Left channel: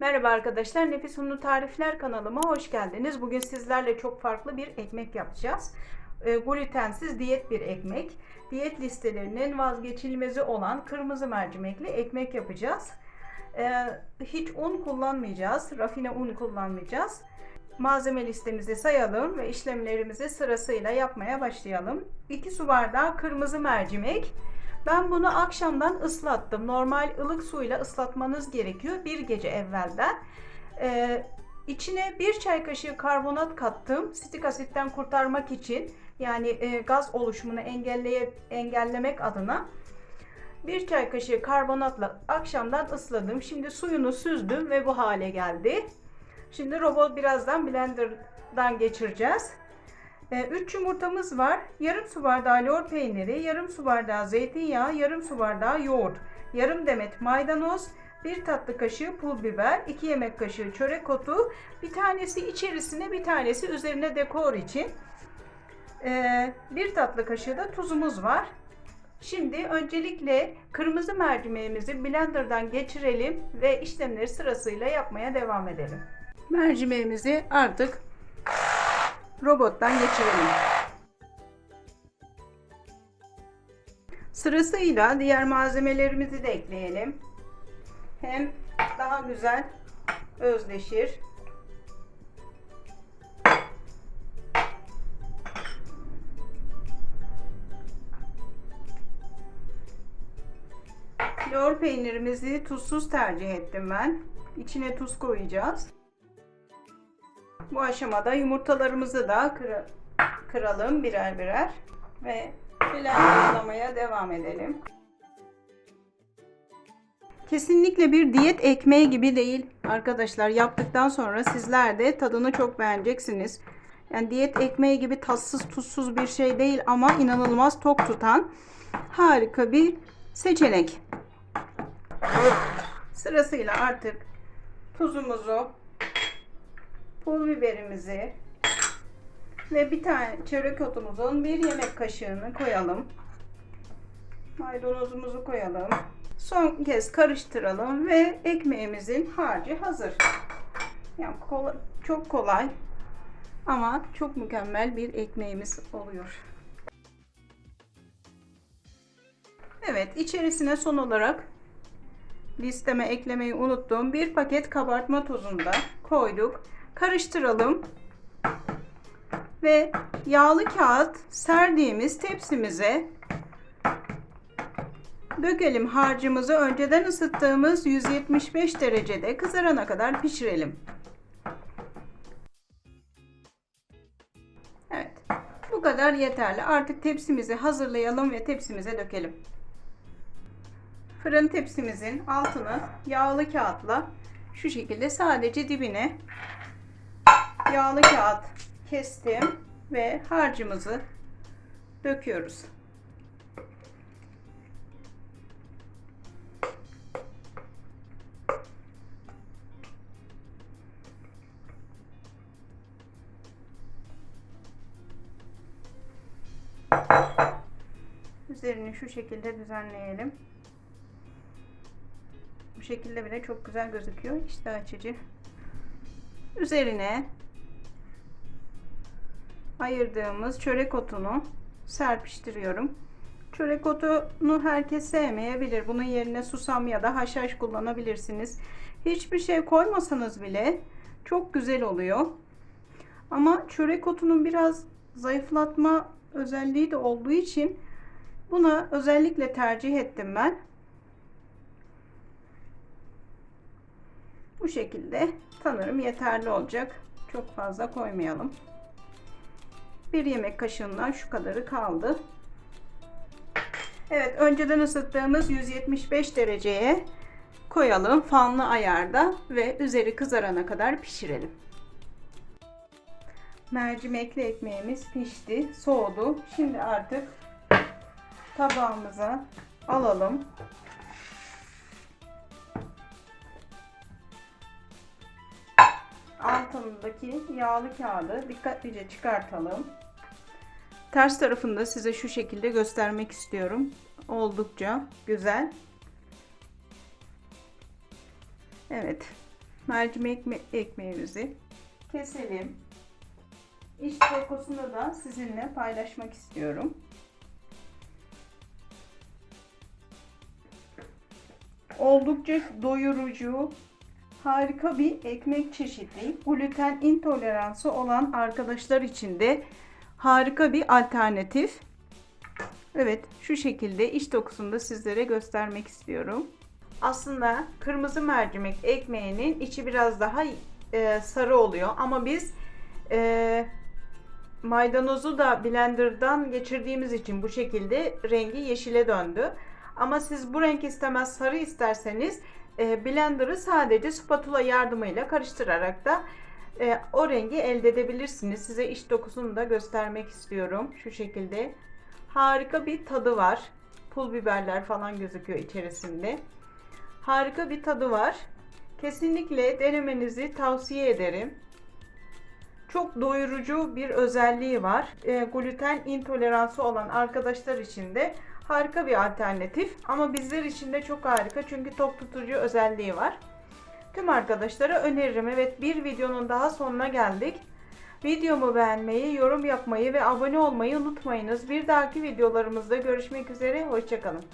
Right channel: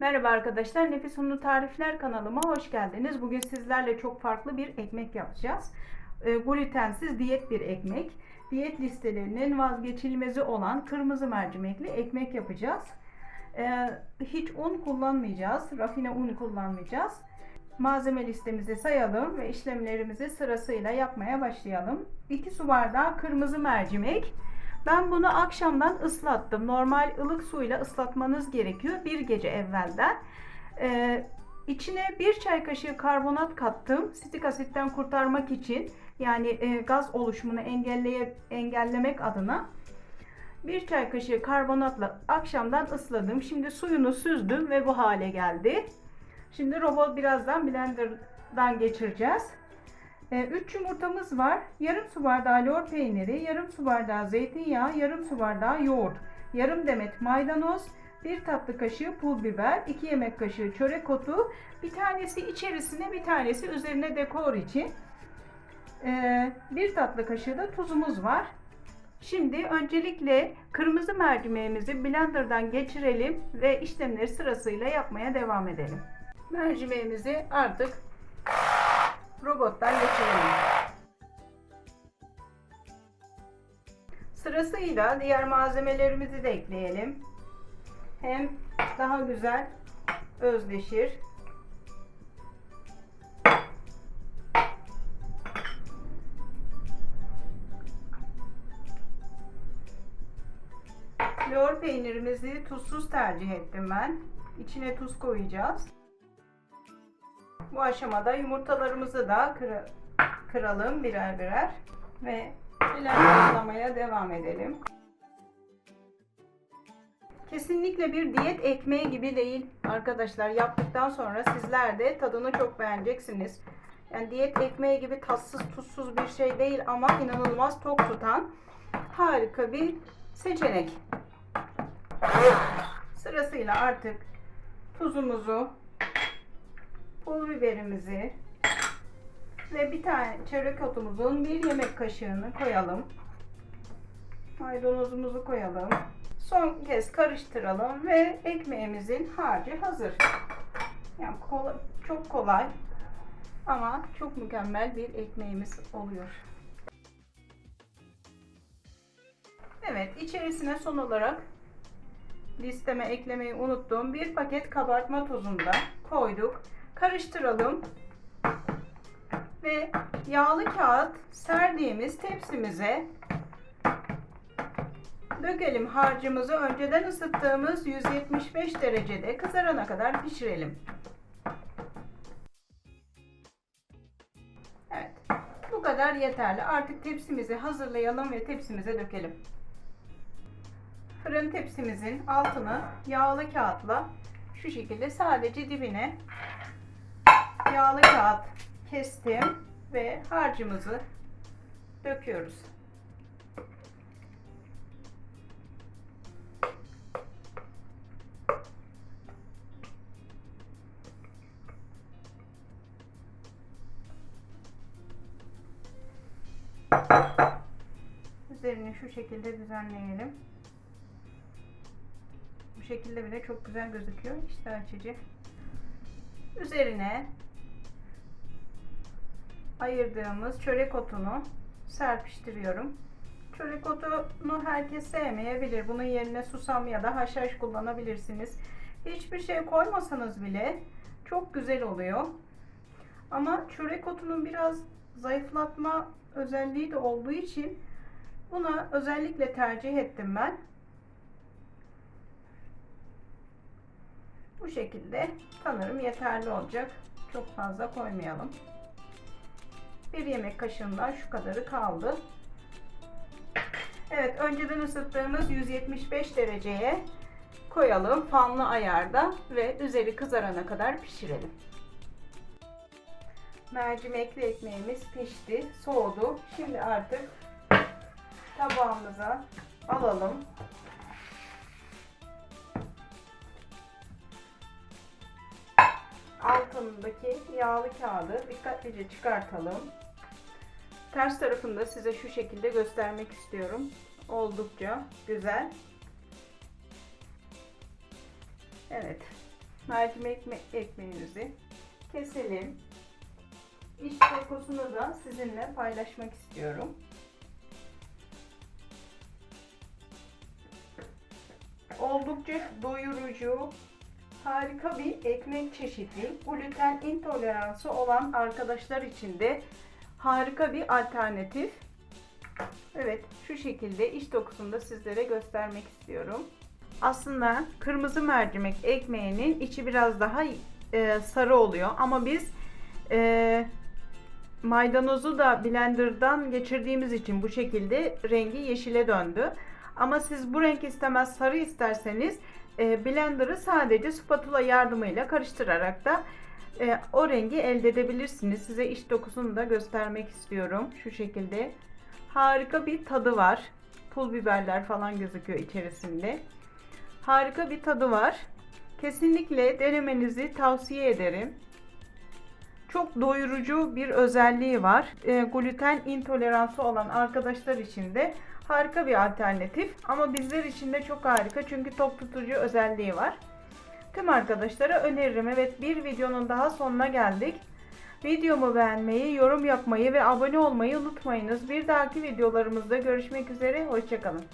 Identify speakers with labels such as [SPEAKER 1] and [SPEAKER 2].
[SPEAKER 1] Merhaba arkadaşlar, Nefis Unlu Tarifler kanalıma hoş geldiniz. Bugün sizlerle çok farklı bir ekmek yapacağız. E, glutensiz diyet bir ekmek. Diyet listelerinin vazgeçilmezi olan kırmızı mercimekli ekmek yapacağız. E, hiç un kullanmayacağız, rafine un kullanmayacağız. Malzeme listemizi sayalım ve işlemlerimizi sırasıyla yapmaya başlayalım. 2 su bardağı kırmızı mercimek, ben bunu akşamdan ıslattım. Normal ılık suyla ıslatmanız gerekiyor bir gece evvelden. Ee, içine bir çay kaşığı karbonat kattım. Sitik asitten kurtarmak için yani e, gaz oluşumunu engelleye, engellemek adına. Bir çay kaşığı karbonatla akşamdan ısladım. Şimdi suyunu süzdüm ve bu hale geldi. Şimdi robot birazdan blenderdan geçireceğiz. 3 yumurtamız var. Yarım su bardağı lor peyniri, yarım su bardağı zeytinyağı, yarım su bardağı yoğurt, yarım demet maydanoz, 1 tatlı kaşığı pul biber, 2 yemek kaşığı çörek otu, bir tanesi içerisine bir tanesi üzerine dekor için. 1 tatlı kaşığı da tuzumuz var. Şimdi öncelikle kırmızı mercimeğimizi blenderdan geçirelim ve işlemleri sırasıyla yapmaya devam edelim. Mercimeğimizi artık robottan geçirelim. Sırasıyla diğer malzemelerimizi de ekleyelim. Hem daha güzel özleşir. Lor peynirimizi tuzsuz tercih ettim ben. İçine tuz koyacağız. Bu aşamada yumurtalarımızı da kır kıralım birer birer ve blenderlamaya devam edelim. Kesinlikle bir diyet ekmeği gibi değil arkadaşlar. Yaptıktan sonra sizler de tadını çok beğeneceksiniz. Yani diyet ekmeği gibi tatsız tuzsuz bir şey değil ama inanılmaz tok tutan harika bir seçenek. Sırasıyla artık tuzumuzu pul biberimizi ve bir tane çörek otumuzun bir yemek kaşığını koyalım. Maydanozumuzu koyalım. Son kez karıştıralım ve ekmeğimizin harcı hazır. Yani kolay, çok kolay ama çok mükemmel bir ekmeğimiz oluyor. Evet, içerisine son olarak listeme eklemeyi unuttum. Bir paket kabartma tozunu da koyduk karıştıralım. Ve yağlı kağıt serdiğimiz tepsimize dökelim harcımızı. Önceden ısıttığımız 175 derecede kızarana kadar pişirelim. Evet. Bu kadar yeterli. Artık tepsimizi hazırlayalım ve tepsimize dökelim. Fırın tepsimizin altını yağlı kağıtla şu şekilde sadece dibine yağlı kağıt kestim ve harcımızı döküyoruz. Üzerini şu şekilde düzenleyelim. Bu şekilde bile çok güzel gözüküyor. İşte açıcı. Üzerine ayırdığımız çörek otunu serpiştiriyorum. Çörek otunu herkes sevmeyebilir. Bunun yerine susam ya da haşhaş kullanabilirsiniz. Hiçbir şey koymasanız bile çok güzel oluyor. Ama çörek otunun biraz zayıflatma özelliği de olduğu için buna özellikle tercih ettim ben. Bu şekilde sanırım yeterli olacak. Çok fazla koymayalım. Bir yemek kaşığından şu kadarı kaldı. Evet önceden ısıttığımız 175 dereceye koyalım fanlı ayarda ve üzeri kızarana kadar pişirelim. Mercimekli ekmeğimiz pişti, soğudu. Şimdi artık tabağımıza alalım. Altındaki yağlı kağıdı dikkatlice çıkartalım. Ters tarafını da size şu şekilde göstermek istiyorum. Oldukça güzel. Evet. mercimek ekme- ekmeğimizi keselim. İç dokusunu da sizinle paylaşmak istiyorum. Oldukça doyurucu, harika bir ekmek çeşidi. Gluten intoleransı olan arkadaşlar için de harika bir alternatif. Evet, şu şekilde iç dokusunu da sizlere göstermek istiyorum. Aslında kırmızı mercimek ekmeğinin içi biraz daha e, sarı oluyor ama biz e, maydanozu da blenderdan geçirdiğimiz için bu şekilde rengi yeşile döndü. Ama siz bu renk istemez sarı isterseniz blenderı sadece spatula yardımıyla karıştırarak da e, o rengi elde edebilirsiniz. Size iç dokusunu da göstermek istiyorum. Şu şekilde harika bir tadı var. Pul biberler falan gözüküyor içerisinde. Harika bir tadı var. Kesinlikle denemenizi tavsiye ederim. Çok doyurucu bir özelliği var. E, gluten intoleransı olan arkadaşlar için de harika bir alternatif. Ama bizler için de çok harika çünkü tok tutucu özelliği var. Tüm arkadaşlara öneririm. Evet bir videonun daha sonuna geldik. Videomu beğenmeyi, yorum yapmayı ve abone olmayı unutmayınız. Bir dahaki videolarımızda görüşmek üzere. Hoşçakalın.